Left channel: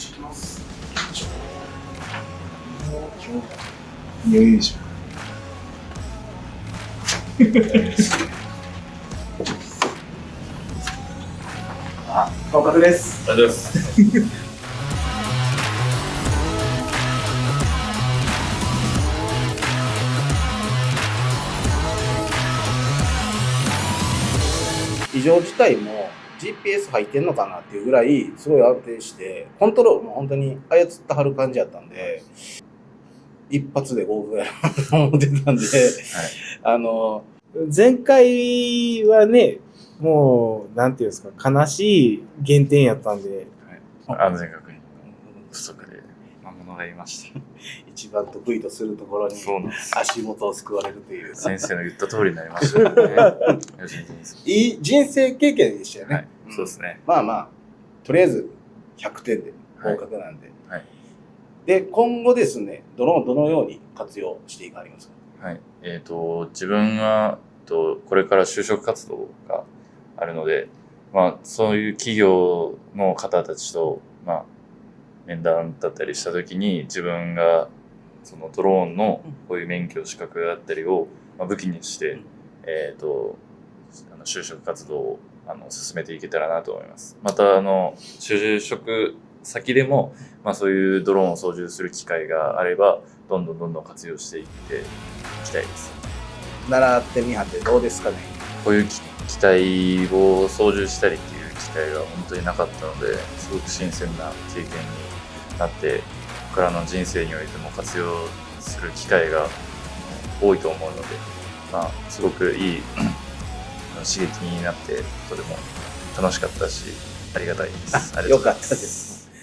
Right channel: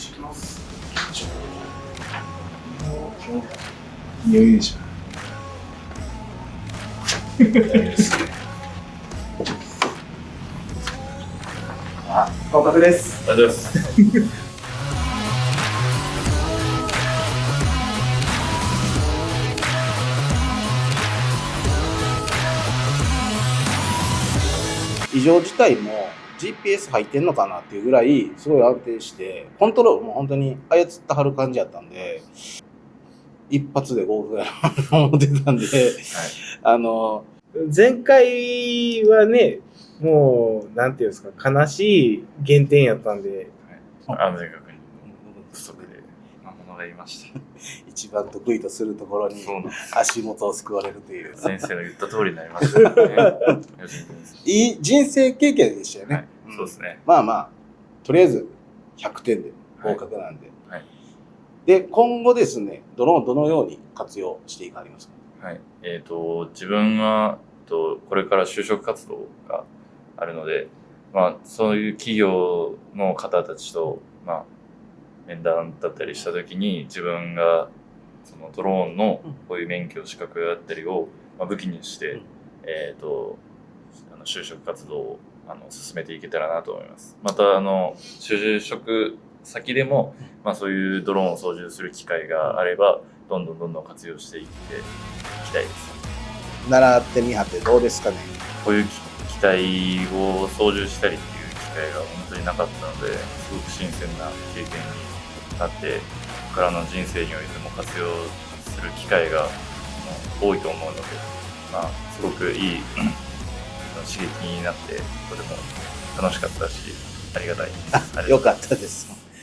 してきます。よいしょ。あ、合格です。ありがとうございます。異常自体も GPS 入ってんのかなっていうぐらいすごい安定して、コントロールも本当に操ってはる感じやったんで、一発で合格やなと思ってたんで、前回はね、もう、なんていうんですか、悲しい減点やったんで、安全確認不足でもらいました。一番得意とするところに足元を救われるという。先生の言った通りになりましたね。いい人生経験でしたよね。はい、そうですね。まあまあ、とりあえず100点で合格なんで。はい。で、今後ですね、ドローンどのように活用していかれますか？はい。自分は、これから就職活動があるので、まあ、そういう企業の方たちと、まあ、面談だったりしたときに、自分がそのドローンのこういう免許資格だったりを武器にして、就職活動を進めていけたらなと思います。また、就職先でも、まあ、そういうドローンを操縦する機会があれば、どんどん活用していっていきたいです。習ってみはってどうですかね？こういう機体を操縦したりっていう機会が本当になかったので、すごく新鮮な経験になって、ここからの人生においても活用する機会が多いと思うので、まあ、すごくいい刺激になって、とても楽しかったし、ありがたいです。よかったです。